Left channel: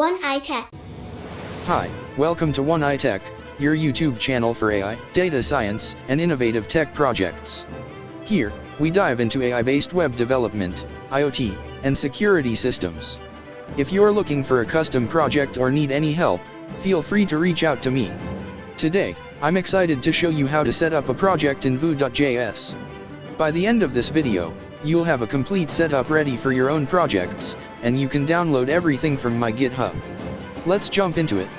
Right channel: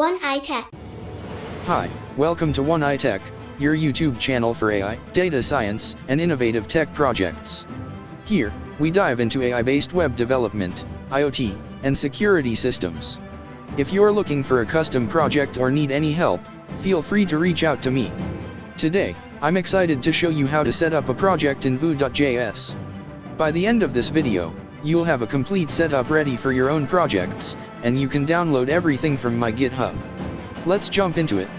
1iTech. Hi, welcome to 1iTech, your YouTube channel for AI, data science, and innovative tech projects. Here, we dive into AI-based web development, IoT, and security systems. If you're looking for a custom project or need any help, feel free to reach out to me. Today, I'm excited to show you how to set up a project in Vue.js. By the end of this video, you'll have a complete setup ready for your own projects, and you can download everything from my GitHub. Let's jump into it.